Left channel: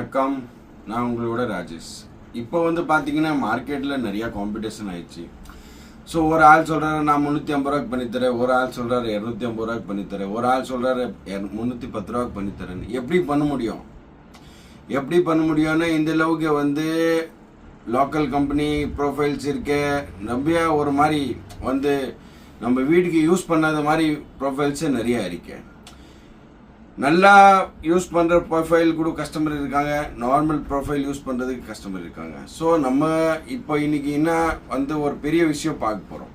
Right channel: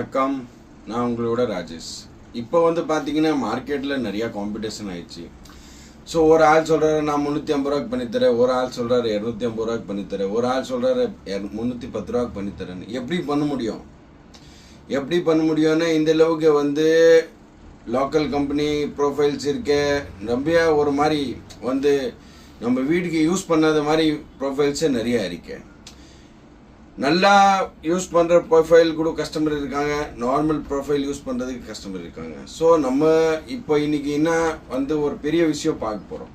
வணக்கம், நான் உங்களோட ராஜேஷ். இப்போ பார்த்தீங்கன்னா மார்க்கெட்டில் நிறையா காம்படிஷன் ஆயிடுச்சு. ஸோ ஒரு ஆள் சொல்கிறாரு நான் 350 ரூபாய்க்கு பண்ணித்தரேன், ஒரு ஆள் சொல்கிறாரு 250 ரூபாய்க்கு பண்ணித்தரேன், ஒரு ஆள் சொல்கிறாரு 310 ரூபாய்க்கு பண்ணித்தரேன். எப்படி பண்ண முடியும்னா இந்த அளவுக்கு லோக்கல் கம்பெனி ப்ரொஃபைல்ஸ் இருக்க நிறையா ஒரு மாதிரி நம்ம வீட்டுக்கு யூஸ் பண்ணாத மாதிரி ப்ரொஃபைல்ஸே நிறையா இருக்கு. நல்லா யூஸ் பண்ணுற ப்ரொஃபைல் கூட கஸ்டமர் இருக்காங்க, நார்மல் ப்ரொஃபைல் யூஸ் பண்ணுறதுக்கு கஸ்டமர் இருக்காங்க. ஸோ நம்ம இப்போ இன்னைக்கு என்ன ஒரு பெரிய விஷயம் பார்க்க போகிறோம்.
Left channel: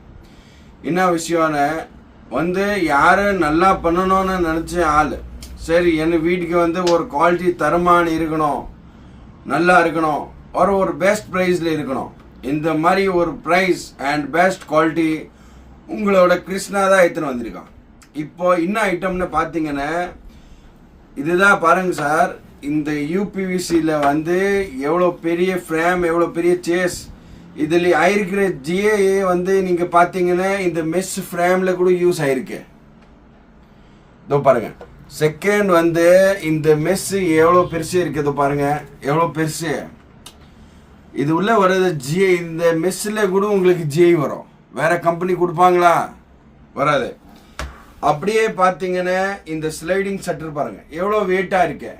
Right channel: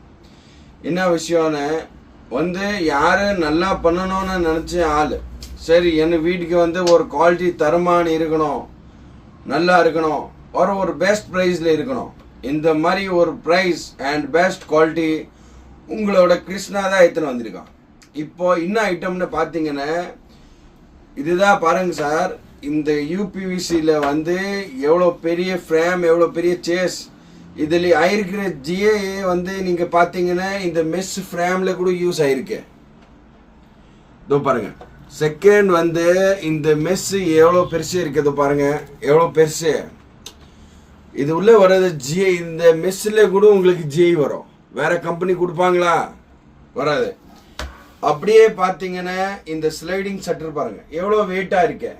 என்ன விஷயம்னு யாரை நல்லா பண்ணணும்னு நினச்ச ஆள், சரி என்ன வீட்டுக்கு ஒரு குவாலிட்டி தரமான இருக்கணும், நல்லா இருக்கணும், ஒரு பெஸ்ட் ப்ரைஸில் இருக்கணும். இந்த மாதிரி ஒரு ப்ரைஸ் அண்ட் பெஸ்ட் குவாலிட்டி உங்களோட கிருஷ்ணா தான் எடுத்துன்னு வந்திருக்கான். இப்போ என்ன ஐட்டம்னு பார்த்தீங்கன்னா இதுதான் பாருங்க சார். இந்த யூபிவிசியில் எவ்வளோ பெரிய ஃப்ரேம், எவ்வளோ பெரிய சேஸ், இதில் ஆயிருக்கிற ஜிஏ நீங்கள் பார்த்தீங்கன்னா இந்த மெஸ் ஃப்ரேமில் கூட யூஸ் ஆயிருக்கு. இதோ பாருங்க, செகண்ட் இந்த மெஸ் எவ்வளோ பெருசு இருக்குது பாருங்க, எவ்வளோ பெருசு. இது உள்ள வர்றது ஜிஐ. இந்த மெஸ்ஸில் கூட உங்களுக்கு ஜிஐ வரும். வேற கம்பெனி கொடுப்பாங்களா? வராது. அப்படியே பார்த்தீங்கன்னா இந்த ஸ்லைடிங் ஷட்டர் பாருங்க எவ்வளோ வெயிட்டாக இருக்கு.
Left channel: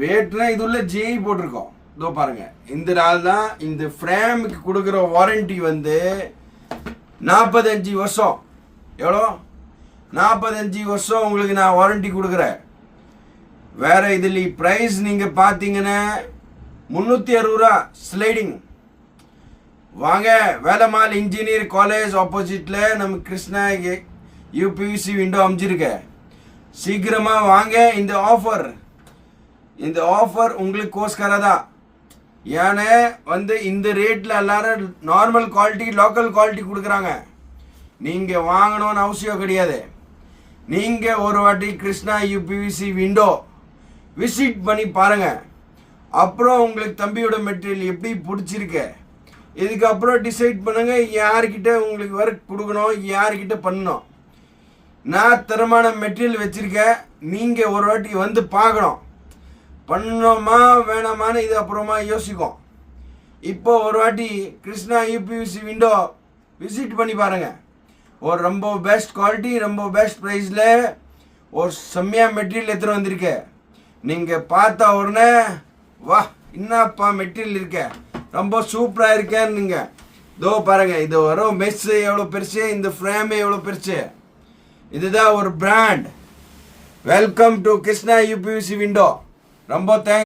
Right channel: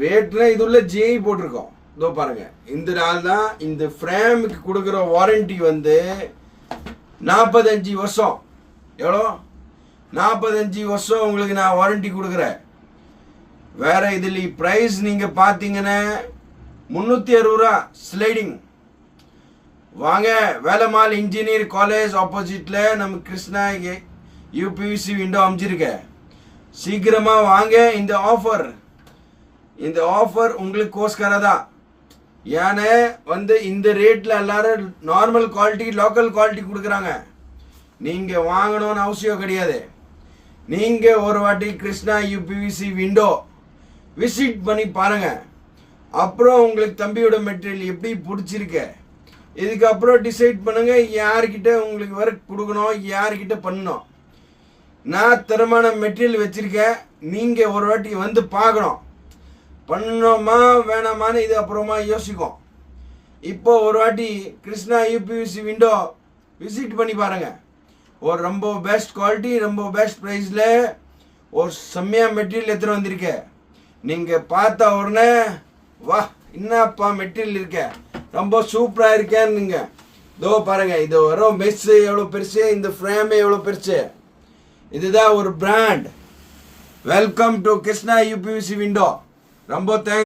வெயிட்ல இது உள்ள ஜிஐ போட்டிருக்கோம். இதோ பாருங்க, இந்த நாள் தான் இந்த ஃப்ரேமுக்கு கொடுக்குற வாரண்டி 45 வருஷம். எவ்வளோ? 45 வருஷம் உங்களுக்கு நான் வாரண்டி கொடுக்குறேன். வேற இதில் ப்ரைஸ் நீங்கள் பார்த்தீங்கன்னா 360 ரூபா ஸ்லைடிங். வாங்க, வேலம்மாள் இன்ஜினியர் காலேஜ் ஆப்போசிட்ல நம்ம கிருஷ்ணா யூபிவிசி விண்டோ அமைஞ்சிருக்க. சீக்கிரமா வாங்க. இந்த ஆஃபர் உங்களுக்கு கோஸ்கரதா. ஏன்னா இந்த ரேட்ல எல்லாரும் நார்மல் குவாலிட்டி, லோக்கல் குவாலிட்டி கொடுக்குறாங்க. நீங்க வாங்கணும்னு அவசியம் கிடையாது. நீங்க ஒரு வாட்டி கிருஷ்ணா யூபிவிசி விண்டோ விசிட் பண்ணி பாருங்க. அப்புறம் உங்களுக்கு தம்பியோட மெட்டீரியல் எப்படி பிடிச்சிருக்கு, இதுக்கப்புறம் டிசைட் பண்ணுங்க யார்கிட்ட உங்களுக்கு ஒர்க் கொடுக்கணும், யார்கிட்ட பண்ணணும். நான் தரமான மெட்டீரியல் வச்சிருக்கேன். நீங்க ஒரு வாட்டி பார்க்கணும், பண்ணணுமா வேணாமான்னு இது அப்புறமா யோசிக்கும். இப்போ ஒரு வாட்டி கிருஷ்ணா யூபிவிசி விண்டோ விசிட் பண்ணி பாருங்க. ஒரு ரொம்ப பெஸ்ட் குவாலிட்டி, ரொம்ப பெஸ்ட் ப்ரைஸில் ஒரு செம்மையா மெட்டீரியல் எடுத்துகிட்டு வந்திருக்கேன். நீங்கள் பார்த்தா உடனே வா என்னப்பா மெட்டீரியல் இருக்க, ரொம்ப சூப்பராக இருக்கேன்னு நீங்கள் இதோ பாருங்க. இது வரும் மெஸ் எவ்வளோ பெருசு, இந்த ஃப்ரேம் எவ்வளோ பெருசு. இதுதான் ஒரு brand. Welcome to Krishna UPVC window. ரொம்ப தேங்க்ஸ்.